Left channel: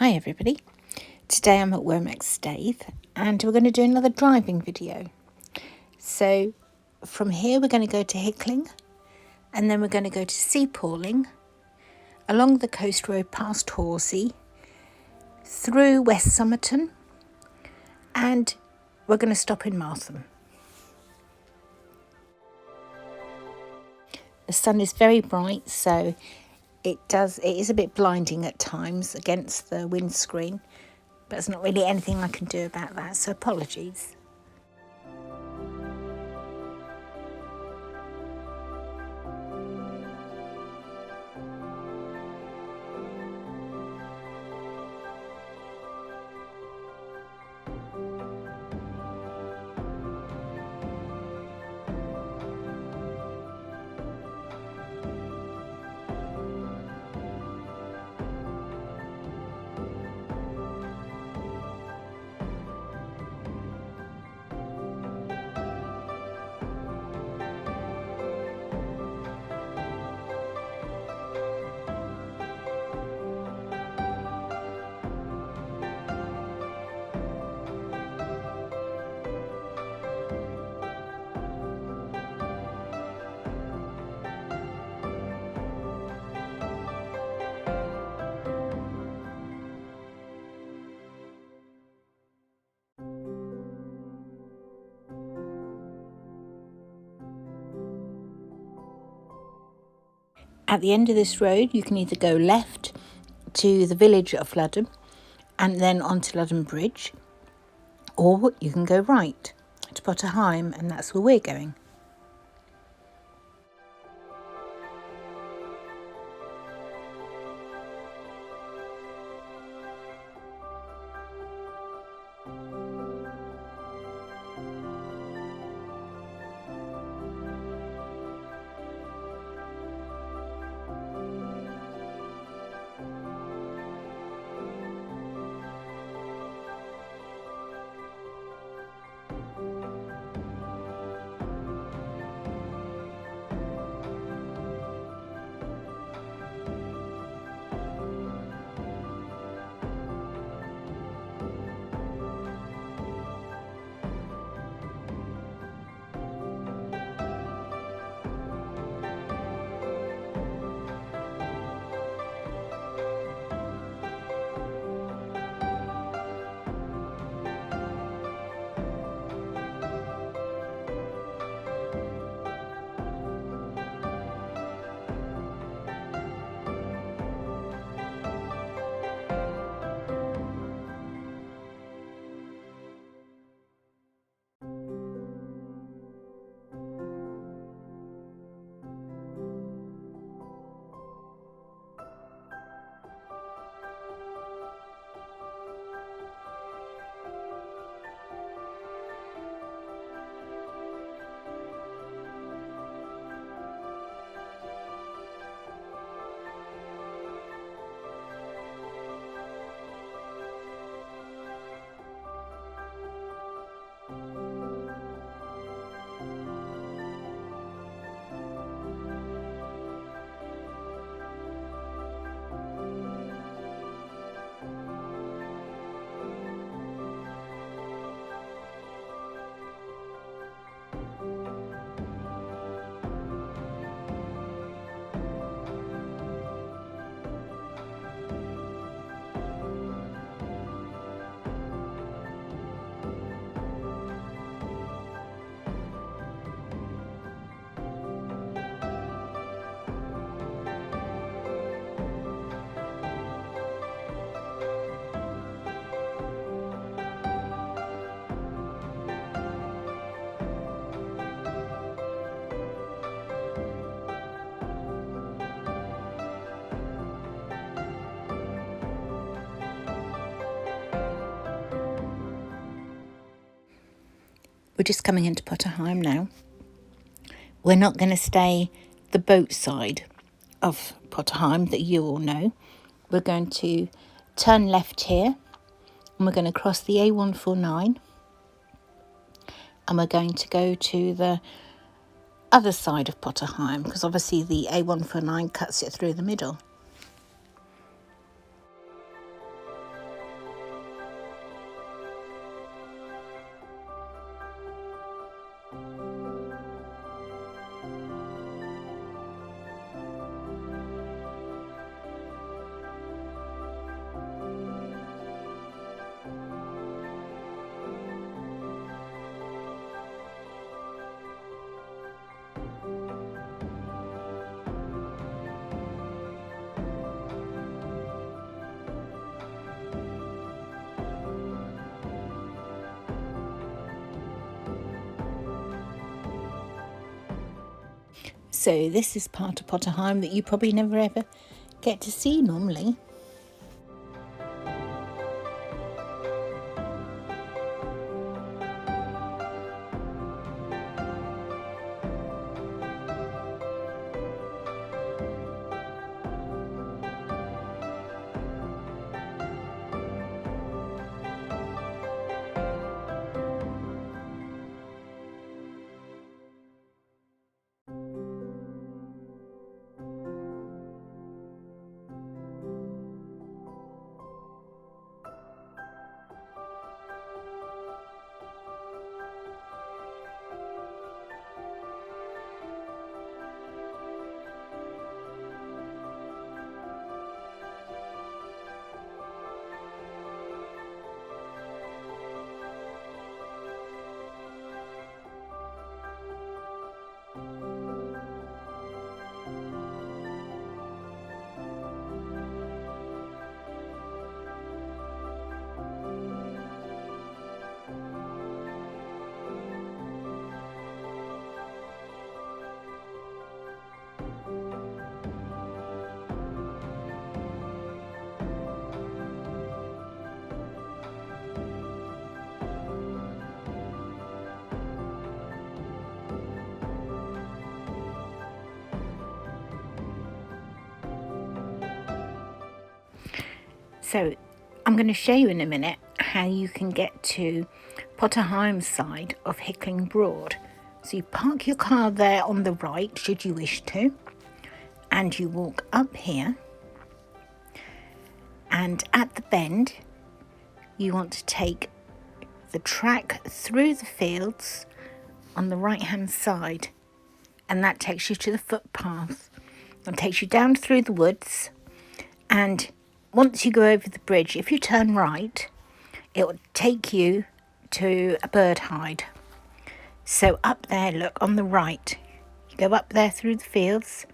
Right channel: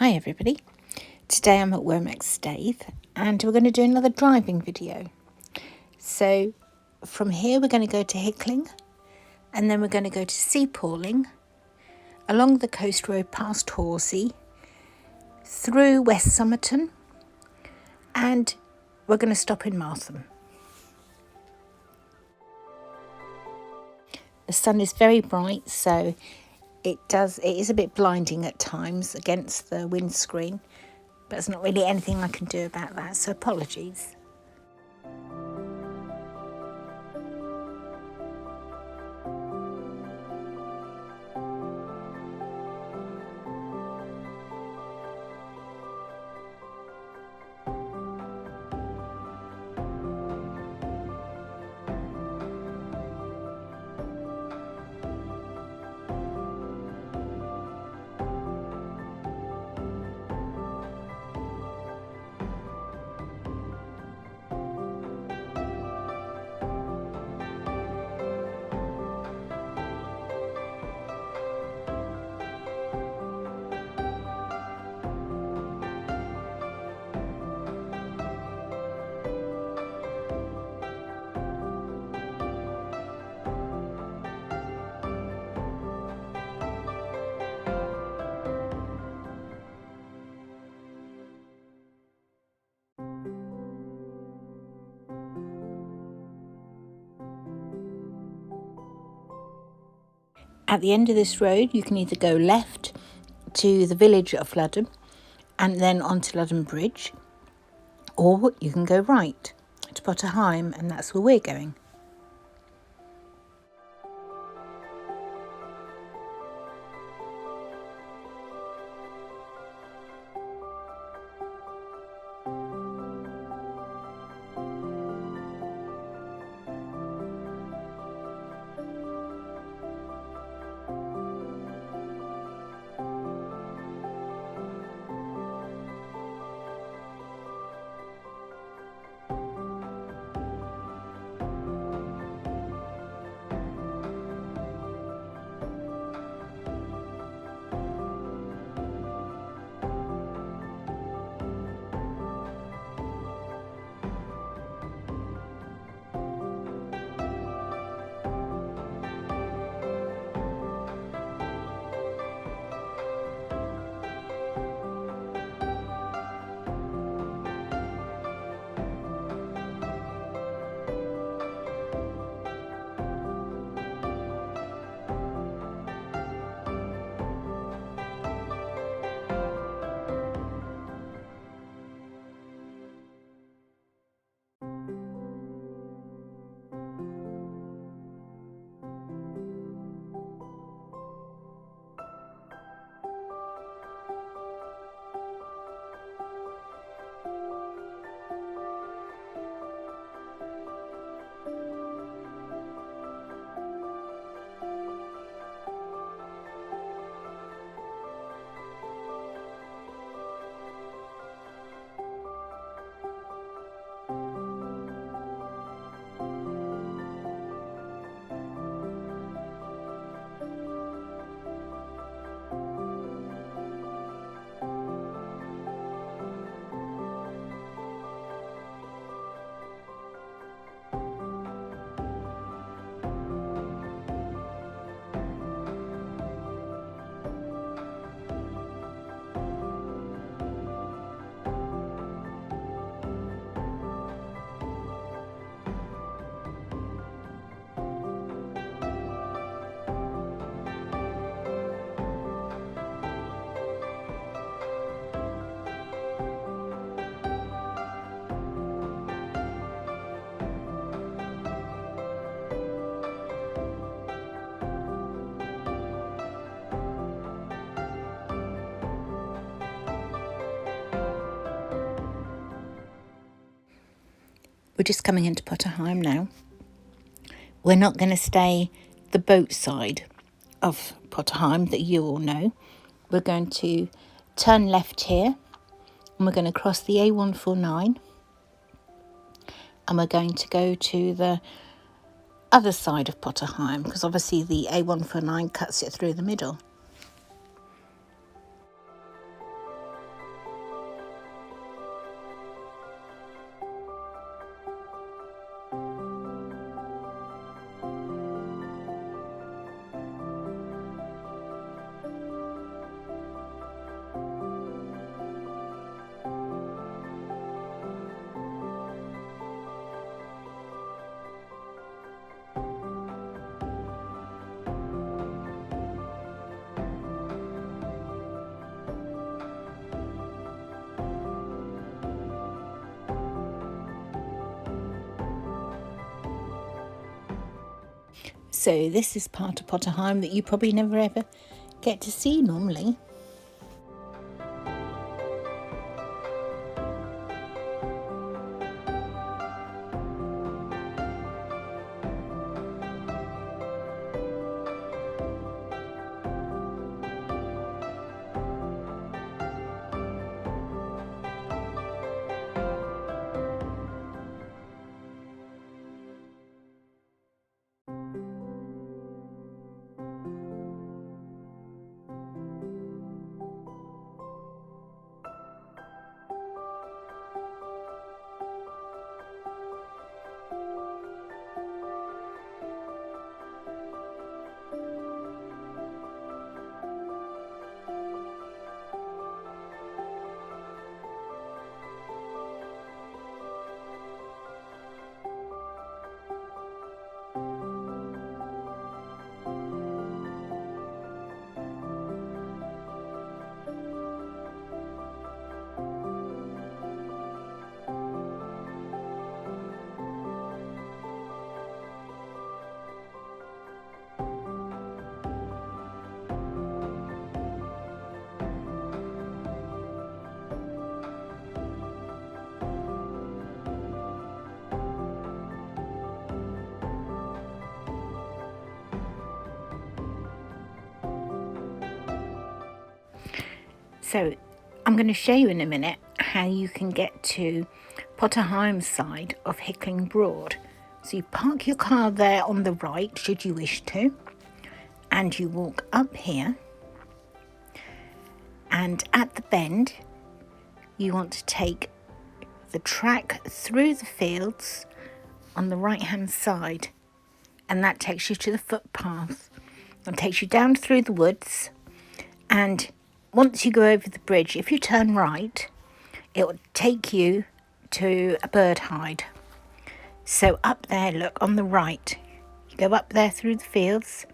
Hi everybody, today I'm at Womack Staithe and we're going to do another driving video. So from here we're going to go to Hickling and then we're going to go to Seapawling, along the coast road past Horsey, through West Summerton, and we're going to stop in Martham. The sun is very bright, so it is a bit blinding at times against the windscreen, but there's not really anything I can do about that, so apologies. At the end of this road, you can either go left to the village of Ludham and then onto Ludham Bridge, or you can go right to Heigham, and that's where we're going. We're just coming into Heigham now. We're not going to stay the boat side of Heigham that you all know. We're going to turn left here and we're going to cross the A149 and we're going to go to the other side of Heigham because obviously the A149 cuts it through the middle. So this is part of Potterheim that you probably never ever get to see normally. So I'm going to show you in a minute how you can get to Potterheim side of Hickling Broad. So you park your car there on the right, should you wish to, and you walk up here, and at the bend you want to take the track through the fields on the right hand side, and that takes you to the footpath and takes you down through the woods. And once you go over the bridge, if you turn right, it will take you to a bird hide. So up there, look, on the right, you go up there through the fields,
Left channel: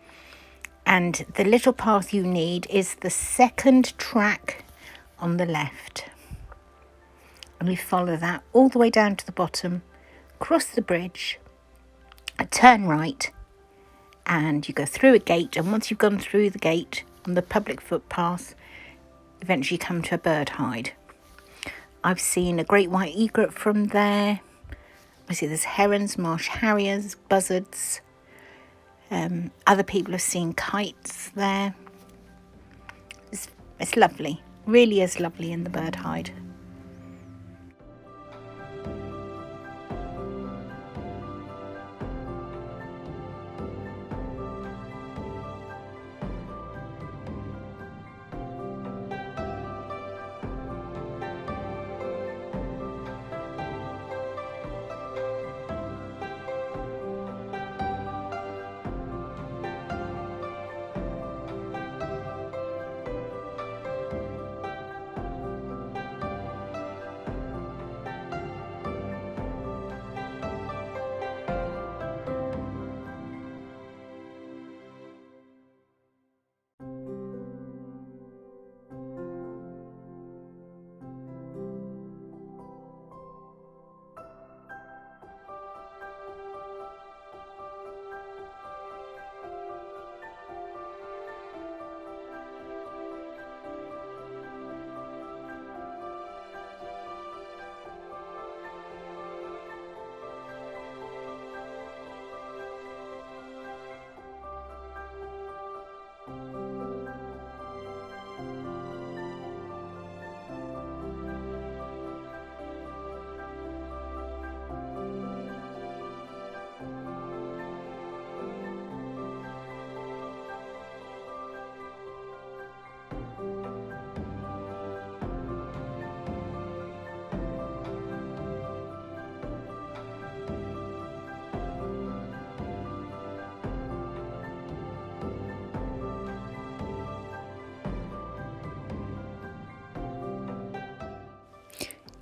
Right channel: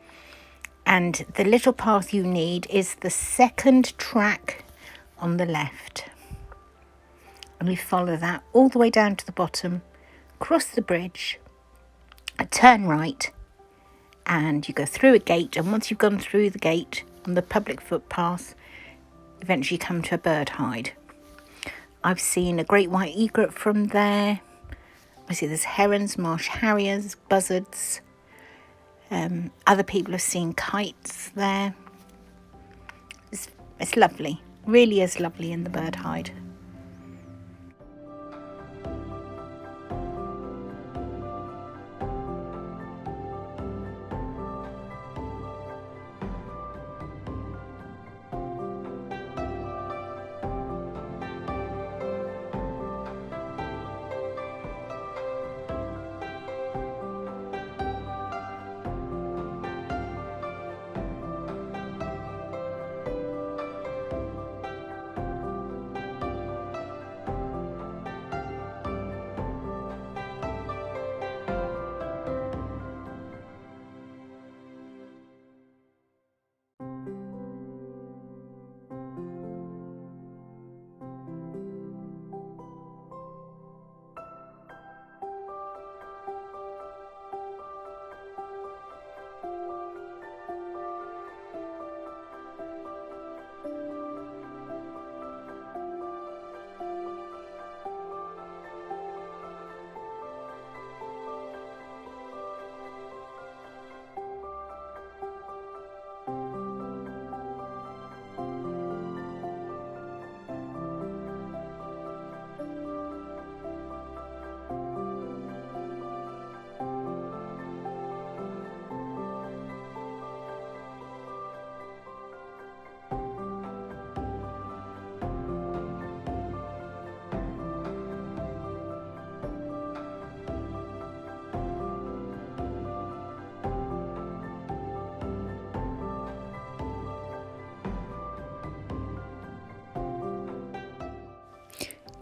and the little path you need is the second track on the left. And we follow that all the way down to the bottom, cross the bridge, turn right, and you go through a gate. And once you've gone through the gate on the public footpath, eventually come to a bird hide. I've seen a great white egret from there. I see there's herons, marsh harriers, buzzards. Other people have seen kites there. It's lovely, really is lovely in the bird hide.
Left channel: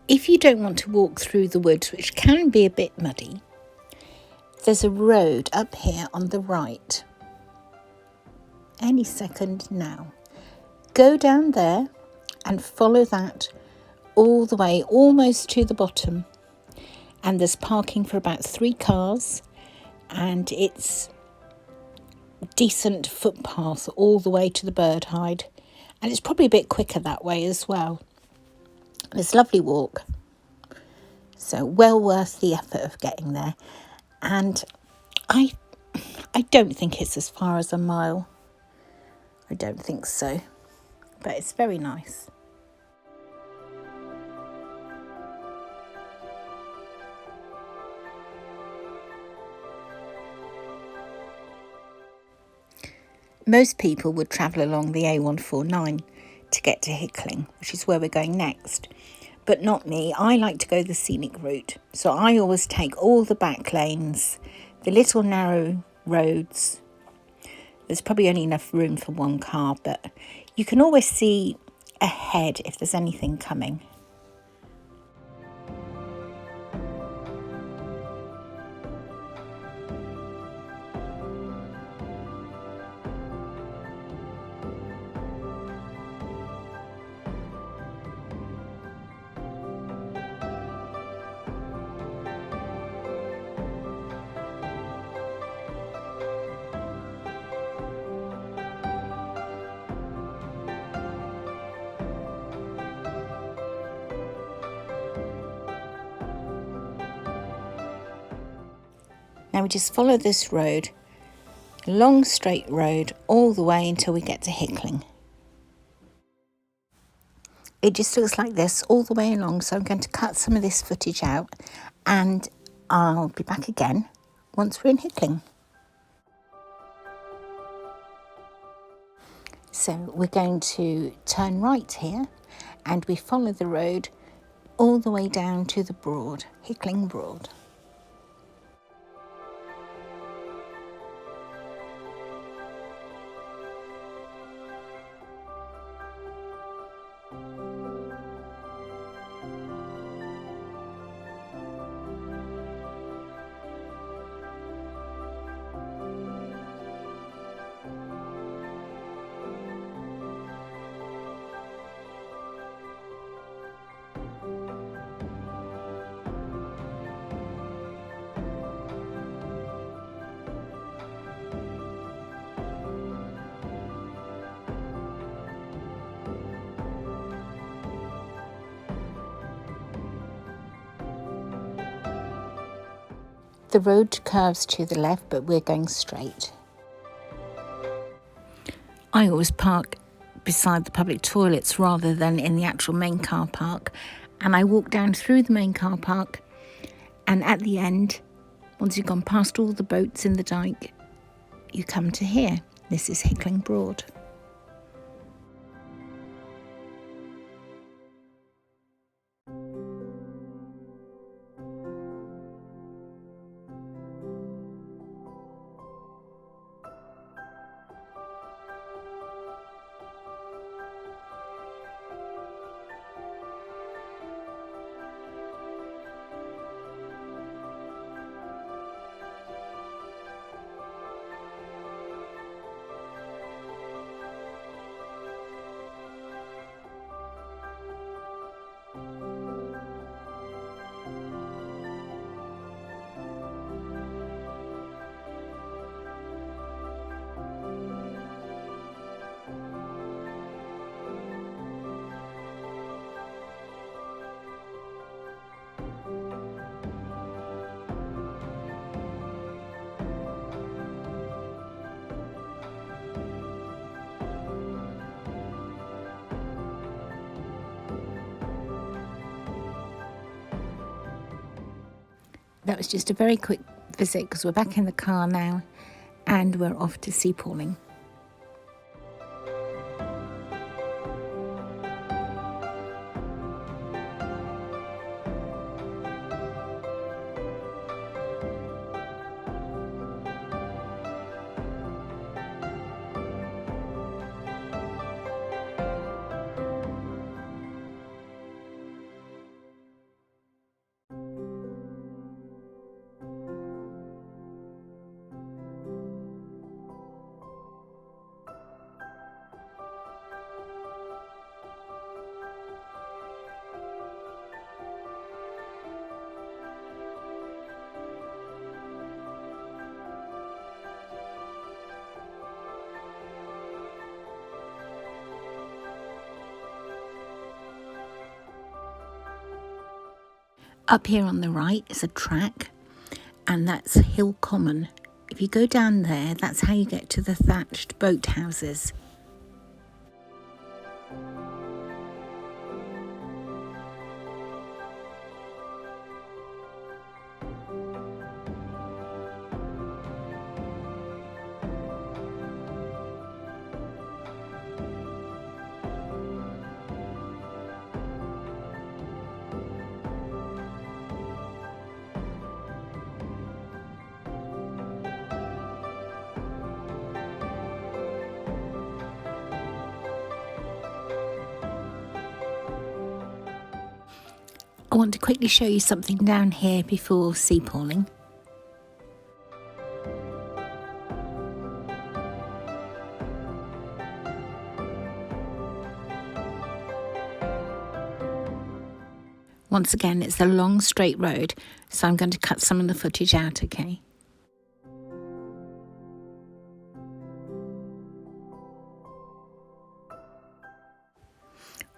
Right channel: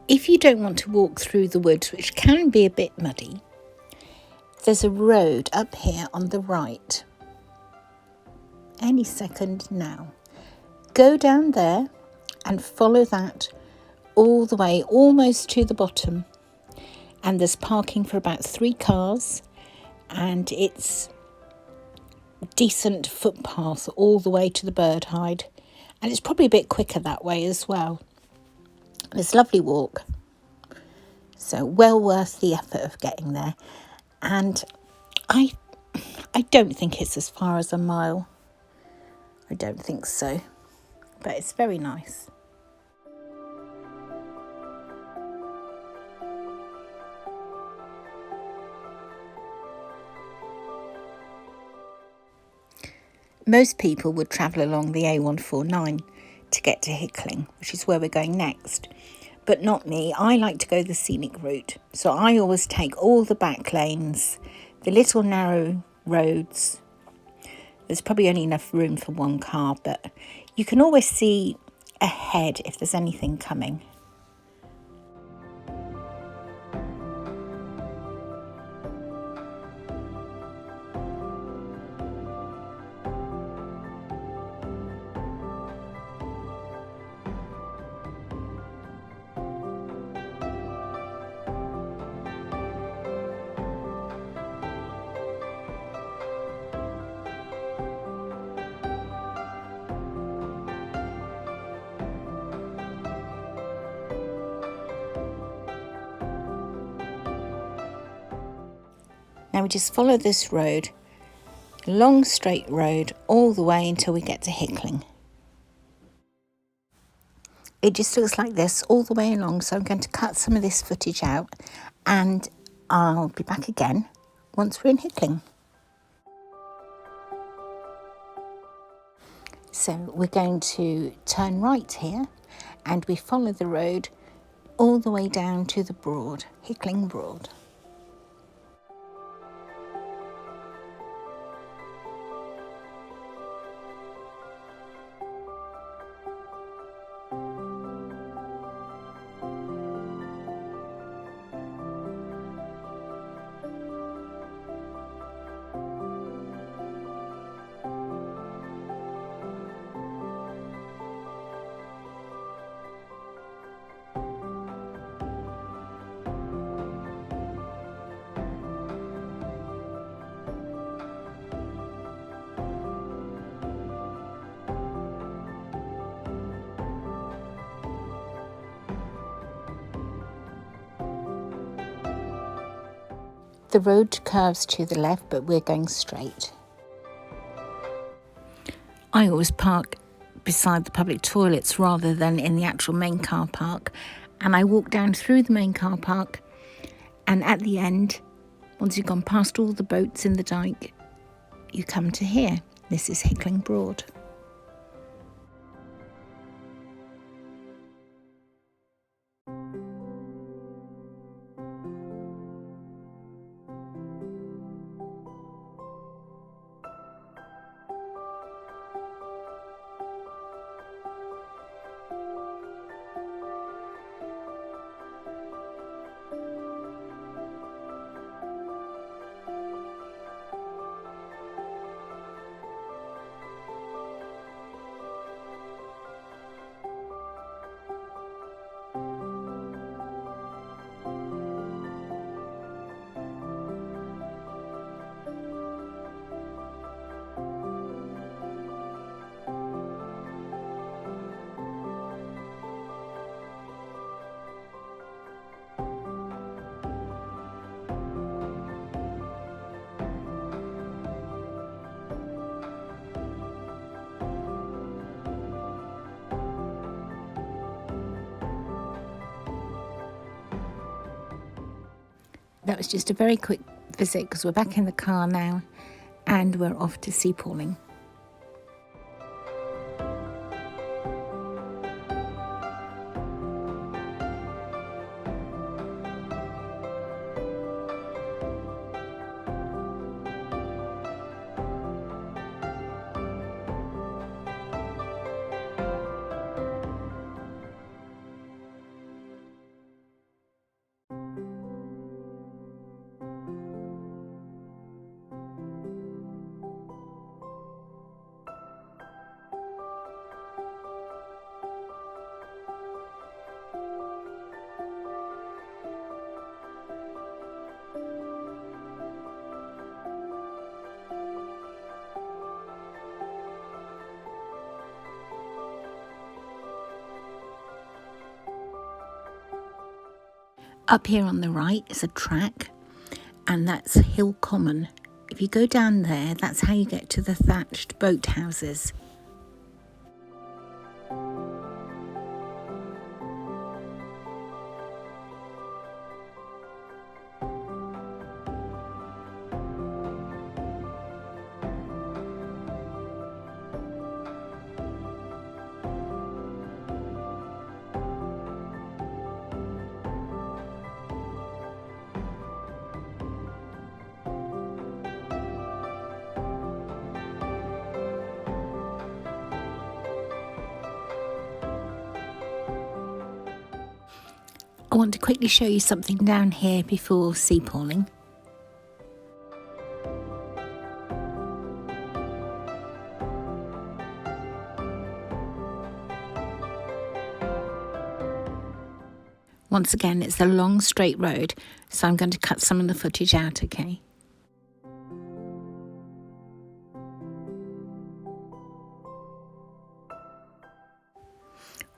If you don't want to walk through the woods, which can be a bit muddy, there's a road up here on the right. Any second now. Go down there and follow that all the way, almost to the bottom. And there's parking for about 3 cars, and it's decent footpath all the way to the bird hide, and it's probably a bit quicker that way as well. It's a lovely walk, so well worth the effort of getting there. And I don't think it's as far as a mile. I don't think so, but it's very nice. Most people would travel along the A149 to get to Hickling, which is where we're going next. But not me. I like to go the scenic route. So I always take all the back lanes, the little narrow roads. There's probably only enough room for one car, but you can always see ahead if there's anything coming. Now we just follow this road, a long straight road, all the way until we get to Hickling. It just looks like this all the way along, so I'm going to cut some of this footage out and I'll be back again once we're in Hickling. So we're going to turn right here and we follow the road all the way down to the Broad, Hickling Broad. The road curves to the left, but we're going straight. I always park beside the public toilets rather than in the actual main car park. And I walk down through the main car park, and at the end, once you've gone past all the boats in the dike, you come to here. This is Hickling Broad. That was just a very quick visit because we're back in the car now and we're off to Seapawling. Up here on the right is a track, and that's Hill Common. If you go down there, that's how you get to the thatched boat houses. I want to quickly show you something down here before sea pawling. Once again, it's a long straight road, so I'm going to cut some of the footage out, okay?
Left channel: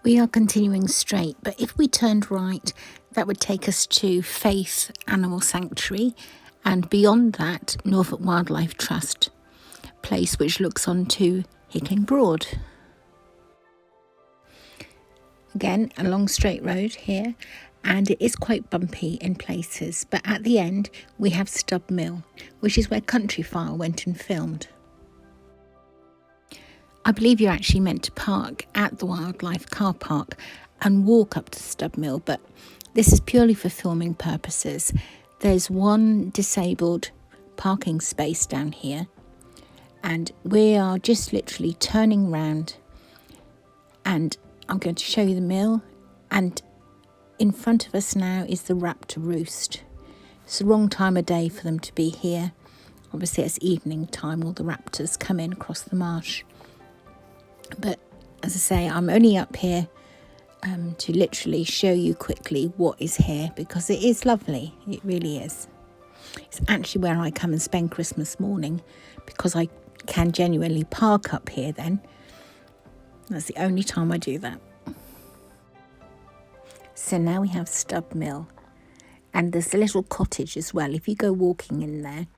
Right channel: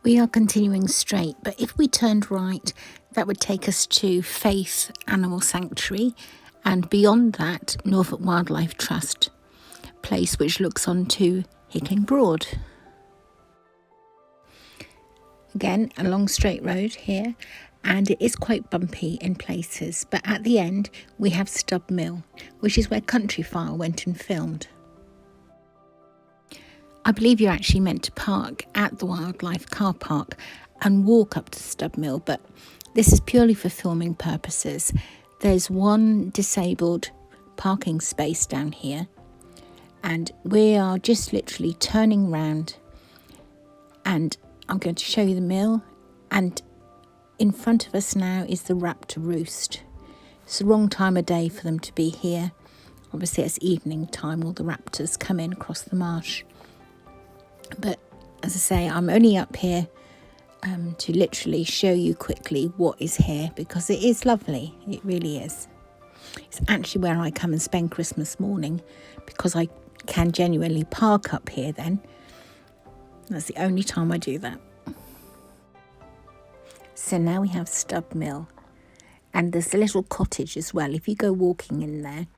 We are continuing straight, but if we turned right, that would take us to Faith Animal Sanctuary, and beyond that, Norfolk Wildlife Trust place, which looks onto Hickling Broad. Again, a long straight road here, and it is quite bumpy in places, but at the end we have Stub Mill, which is where Countryfile went and filmed. I believe you're actually meant to park at the wildlife car park and walk up to Stub Mill, but this is purely for filming purposes. There's one disabled parking space down here, and we are just literally turning round, and I'm going to show you the mill, and in front of us now is the Raptor Roost. It's the wrong time of day for them to be here. Obviously it's evening time, all the raptors come in across the marsh. But as I say, I'm only up here to literally show you quickly what is here, because it is lovely. It really is. It's actually where I come and spend Christmas morning, because I can genuinely park up here then. That's the only time I do that. So now we have Stub Mill, and there's a little cottage as well. If you go walking in there,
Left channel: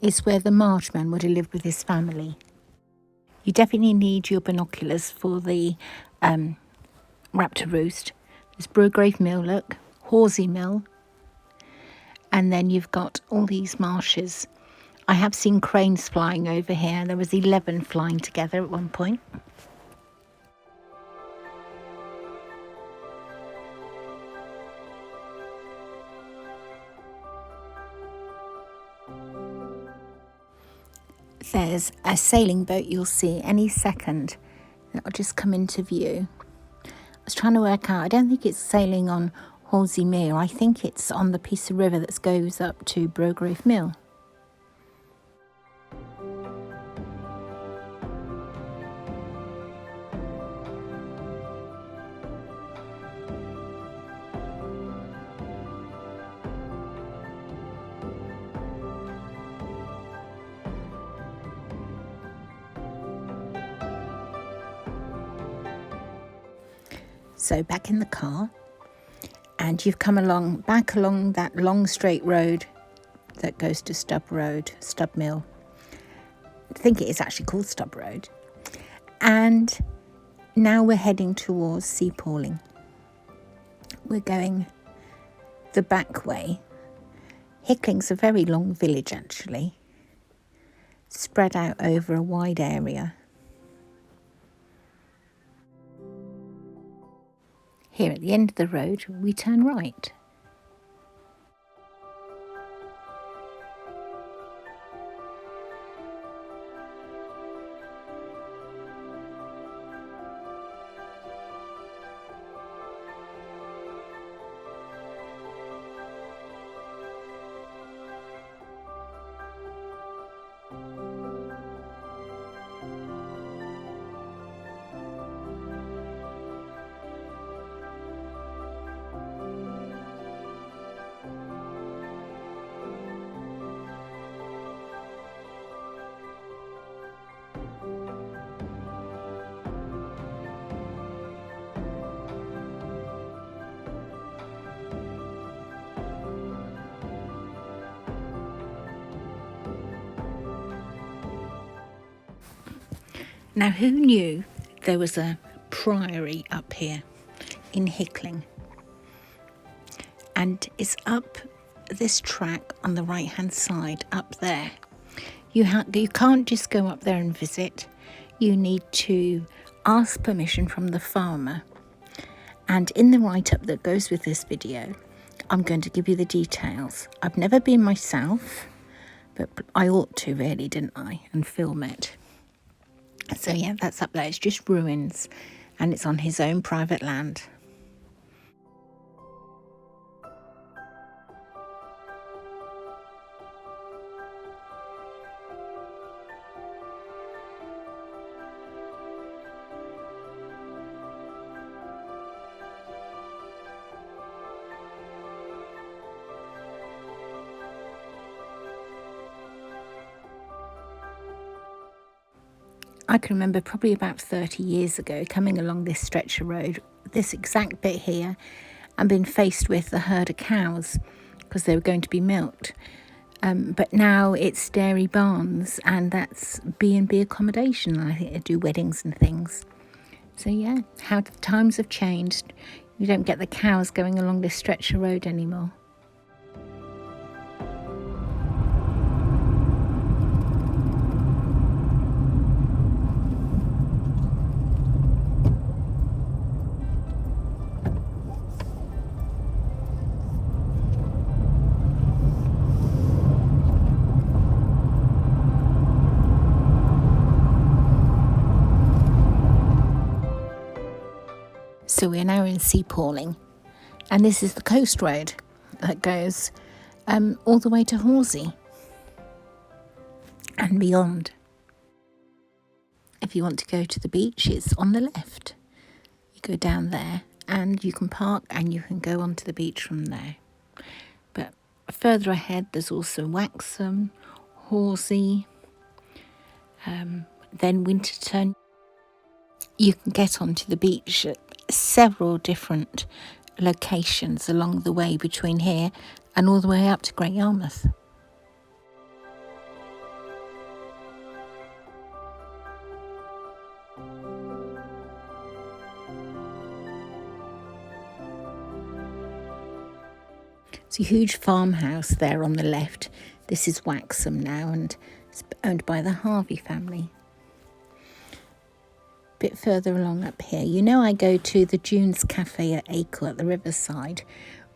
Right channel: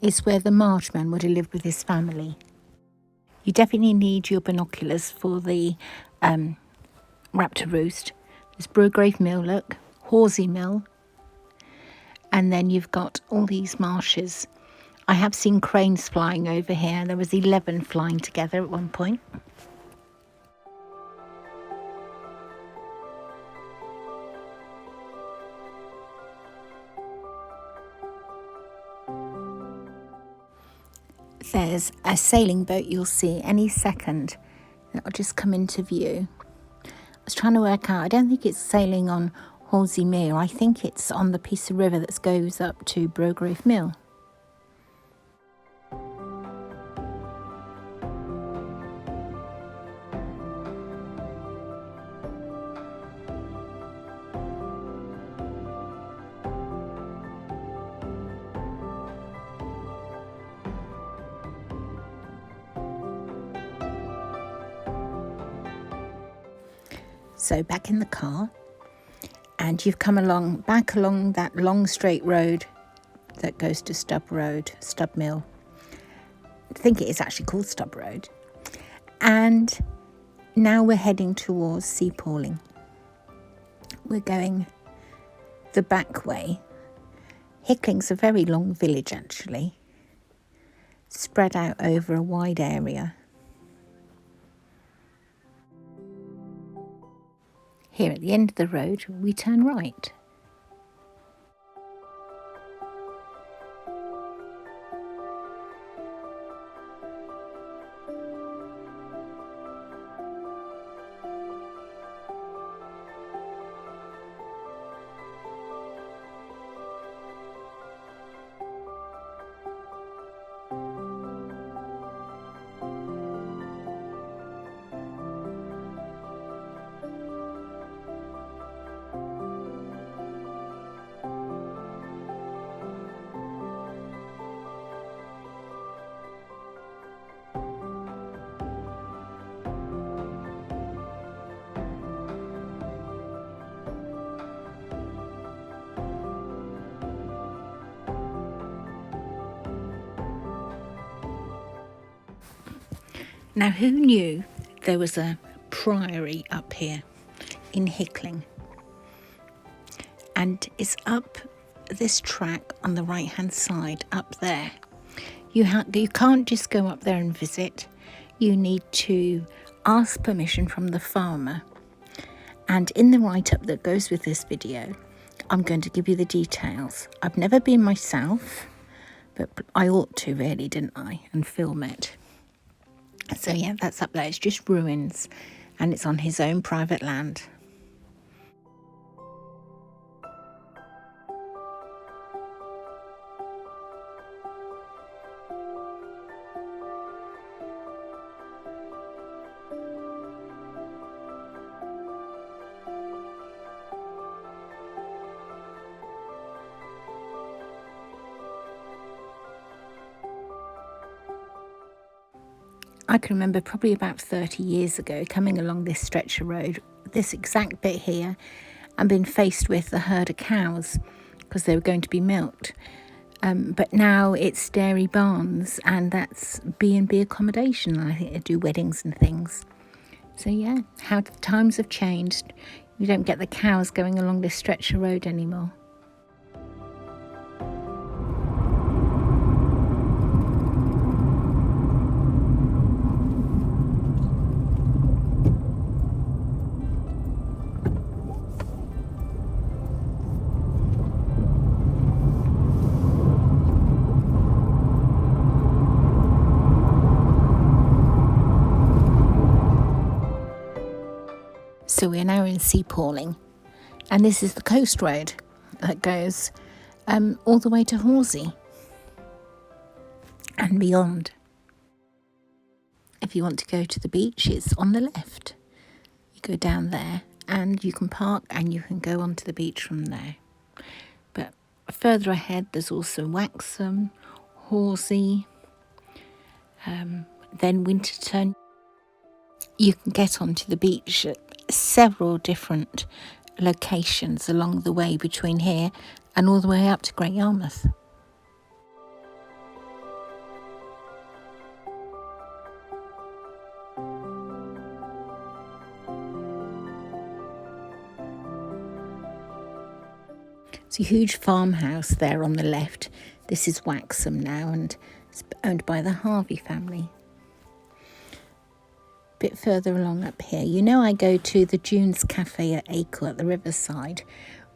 it's where the Marshman would have lived with his family. You definitely need your binoculars for the Raptor Roost. There's Brograve Mill, look, Horsey Mill, and then you've got all these marshes. I have seen cranes flying over here. There was 11 flying together at one point. There's a sailing boat you'll see any second. That'll just come into view. I was trying to work out, I don't think it's sailing on Horsey Mere. I think it's on the piece of river that goes up to Brograve Mill. So back in the car, and you've come back along that long straight road that goes to Stub Mill. I think it is actually called Stub Road. And now we're heading towards sea pawling. We're going the back way. Hickling's a very long village actually, spread out over a wide area. Here at the end of the road, we turn right. Now, who knew there was a priory up here in Hickling? And it's up this track on the right hand side up there. You can't just go up there and visit. You need to ask permission from the farmer. And in the write-up that goes with this video, I'm going to give you the details. I've never been myself, but I ought to really, didn't I? And film it. So yeah, that's up there. It's just ruins, and it's on his own private land. I can remember probably about 30 years ago coming along this stretch of road, this exact bit here, and being faced with a herd of cows because they were going to be milked. But now it's dairy barns, and that's B&B accommodation. I think they do weddings and things. So yeah, how the times have changed. You don't get the cows going along this stretch of road anymore. So we're now in Seapawling, and this is the coast road that goes all the way to Horsey and beyond. If you want to go to the beach, it's on the left. You go down there and you can park and you can go onto the beach from there. But further ahead, there's also Waxham, Horsey, then Winterton. You can get onto the beach at several different locations along the way between here and all the way up to Great Yarmouth. It's a huge farmhouse there on the left. This is Waxham now, and it's owned by the Harvey family. Bit further along up here, you know, I go to the Dunes Cafe at Acle at the riverside.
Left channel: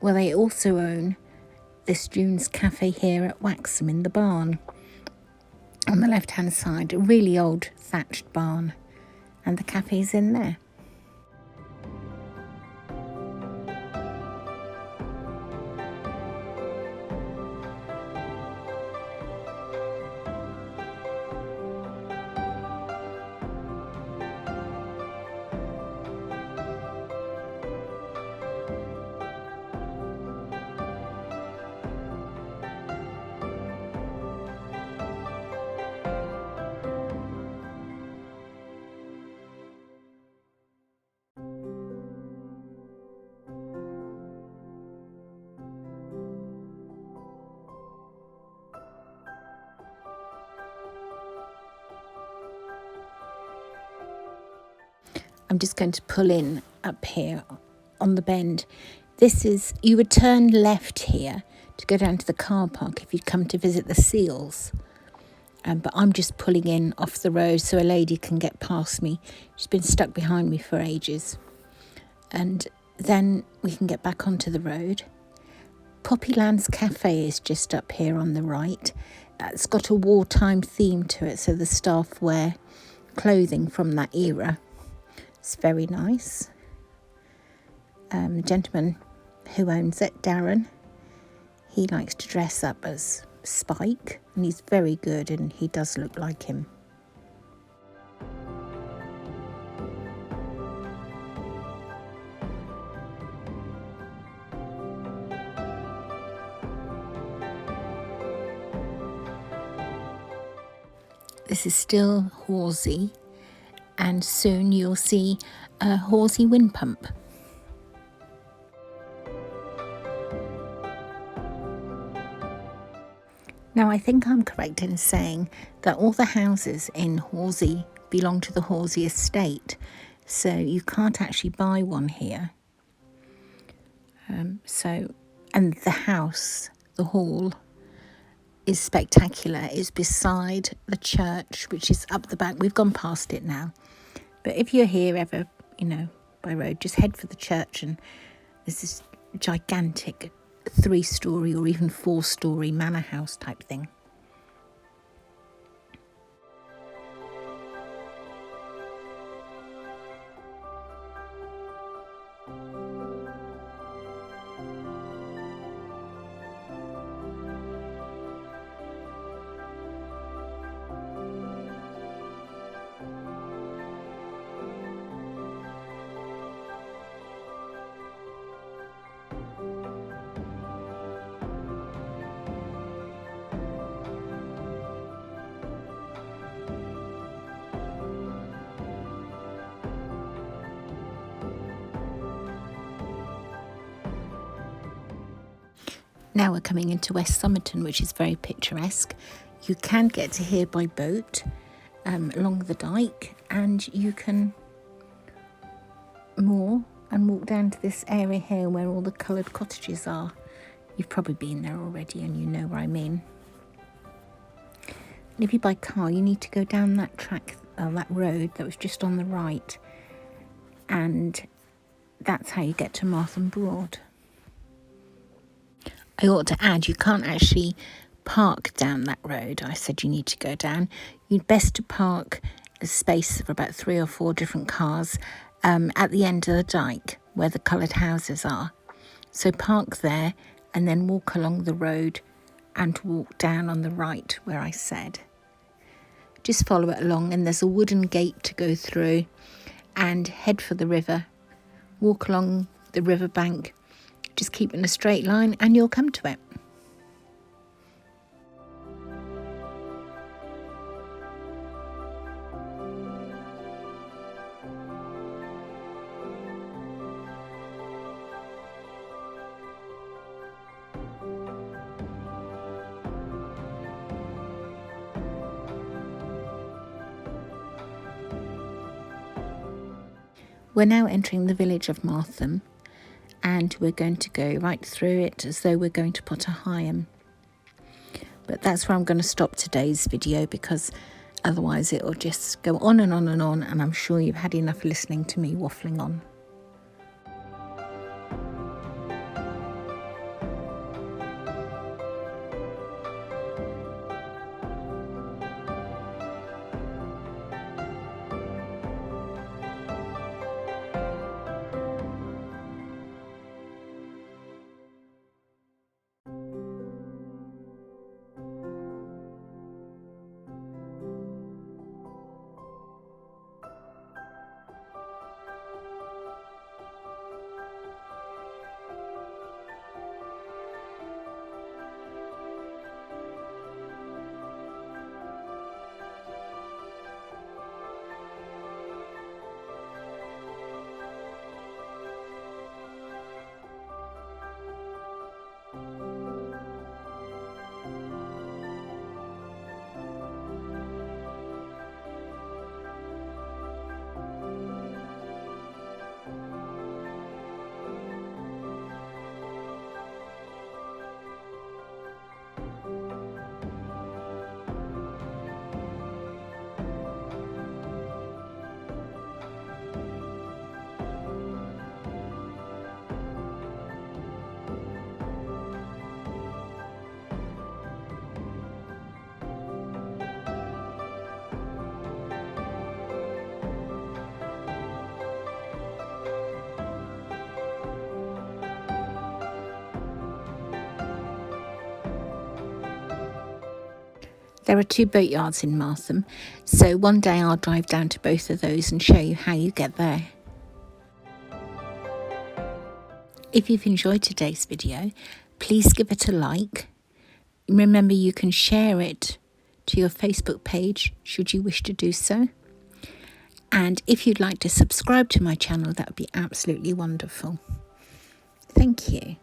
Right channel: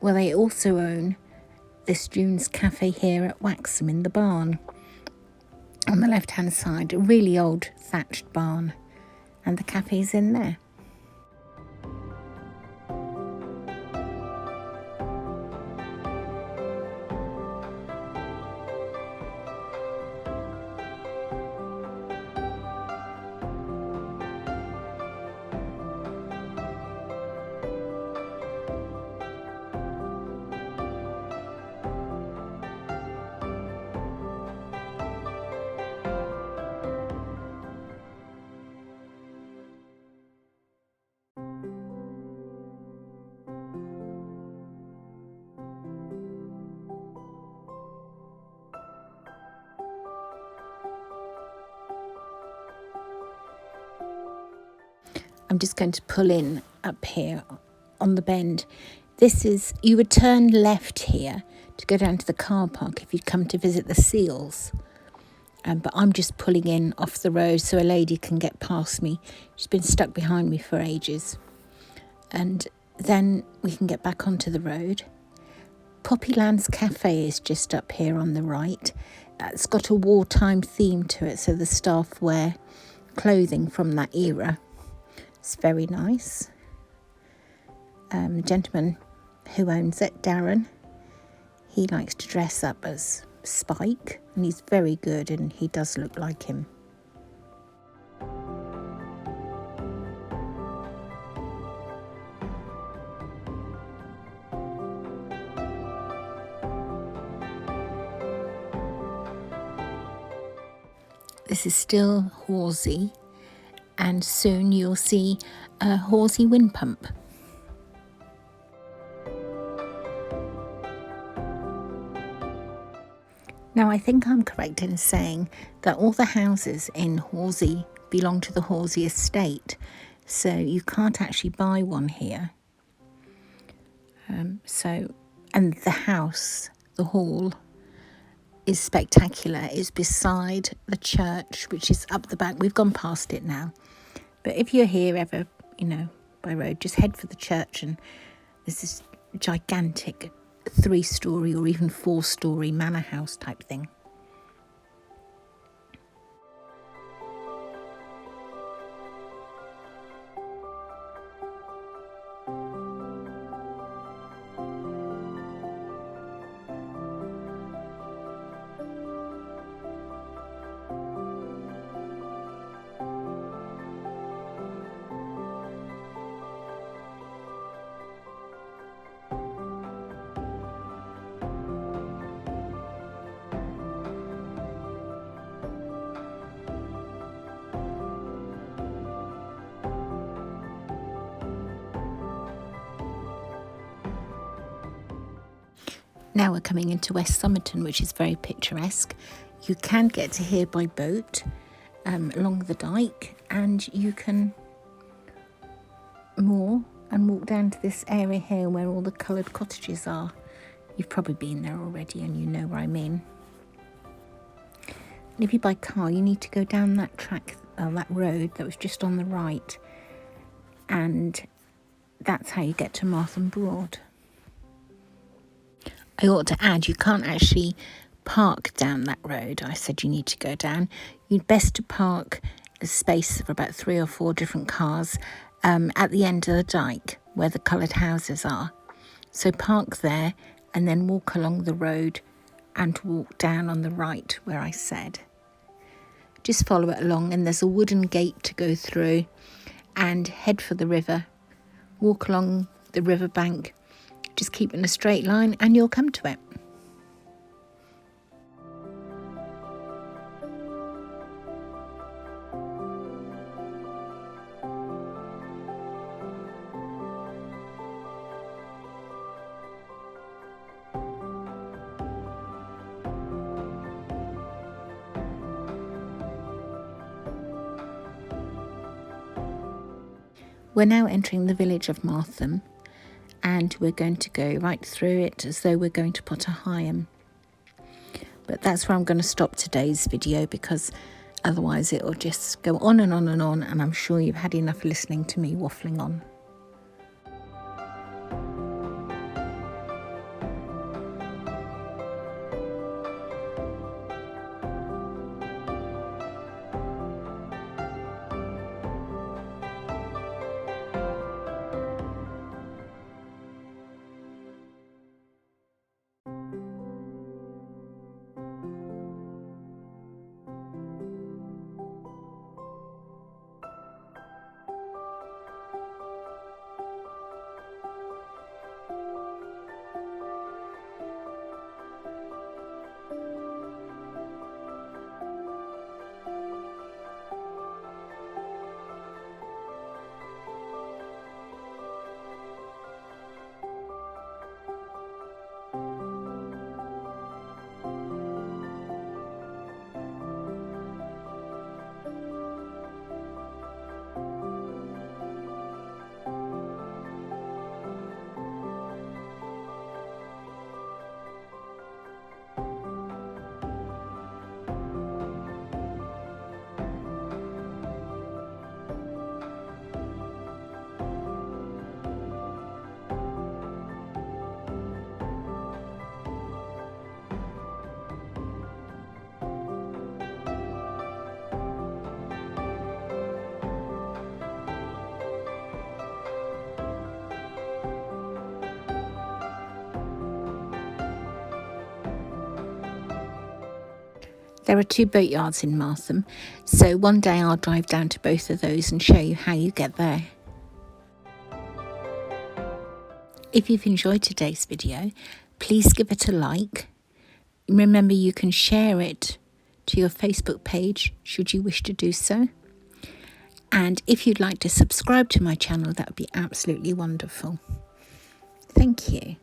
Well, they also own this Dunes Cafe here at Waxham in the barn on the left hand side, a really old thatched barn, and the cafe's in there. I'm just going to pull in up here on the bend. This is, you would turn left here to go down to the car park if you'd come to visit the seals. But I'm just pulling in off the road so a lady can get past me. She's been stuck behind me for ages. And then we can get back onto the road. Poppyland's Cafe is just up here on the right. It's got a wartime theme to it, so the staff wear clothing from that era. It's very nice. The gentleman who owns it, Darren, he likes to dress up as Spike, and he's very good, and he does look like him. This is still Horsey, and soon you'll see a Horsey wind pump. Now, I think I'm correct in saying that all the houses in Horsey belong to the Horsey estate, so you can't actually buy one here. And the house, the hall, is spectacular. It's beside the church, which is up the back. We've gone past it now. But if you're here ever, by road, just head for the church, and there's this gigantic 3-storey or even 4-storey manor house type thing. Now we're coming into West Summerton, which is very picturesque. You can get to here by boat along the dyke, and you can moor and walk down to this area here where all the coloured cottages are. You've probably been there already and you know what I mean. And if you buy car, you need to go down that track, that road that was just on the right, and that's how you get to Martham Broad. I ought to add, you can't actually park down that road. I said you need to go down. You'd best to park a space for about 3 or 4 different cars at the end of the dyke where the coloured houses are. So park there and then walk along the road and walk down on the right where I said. Just follow it along, and there's a wooden gate to go through, and head for the river. Walk along the river bank. Just keep in a straight line and you'll come to it. We're now entering the village of Martham, and we're going to go right through it as though we're going to Heigham. But that's where I'm going to stop today's video, because otherwise it will just go on and on and on, and I'm sure you've had enough listening to me waffling on. There are 2 boatyards in Martham, so one day I'll drive down to both of those and show you how you get there. If you've enjoyed today's video, please give it a like. Remember, you can share it to your Facebook page should you wish to do so. And if you'd like to subscribe to my channel, that would be absolutely wonderful. Thank you.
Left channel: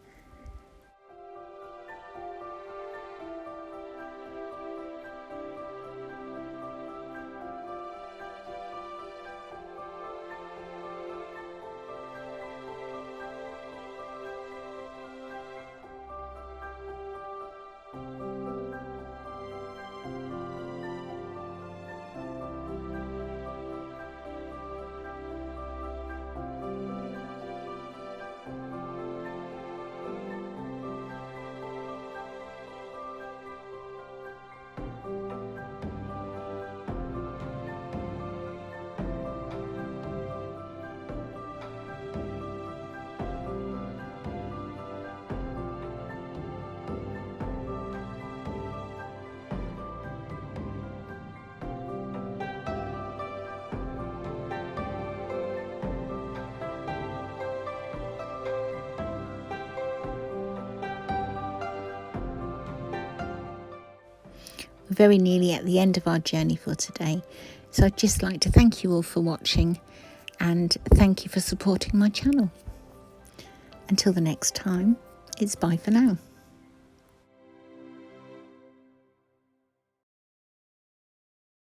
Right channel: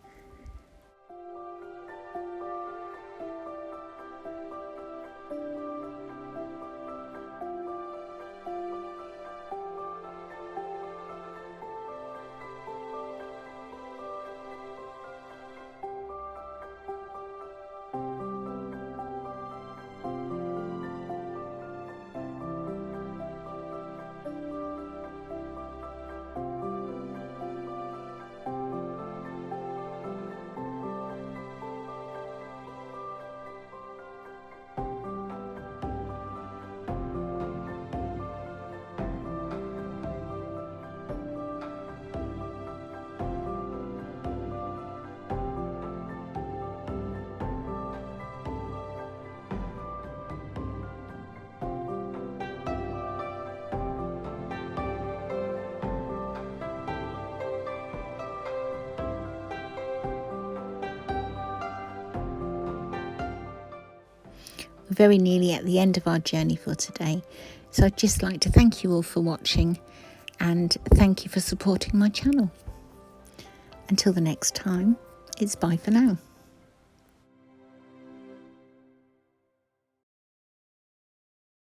We're very nearly at the end of our journey for today. So I'd just like to thank you all for watching and thank you for supporting my channel. Until the next time, it's bye for now.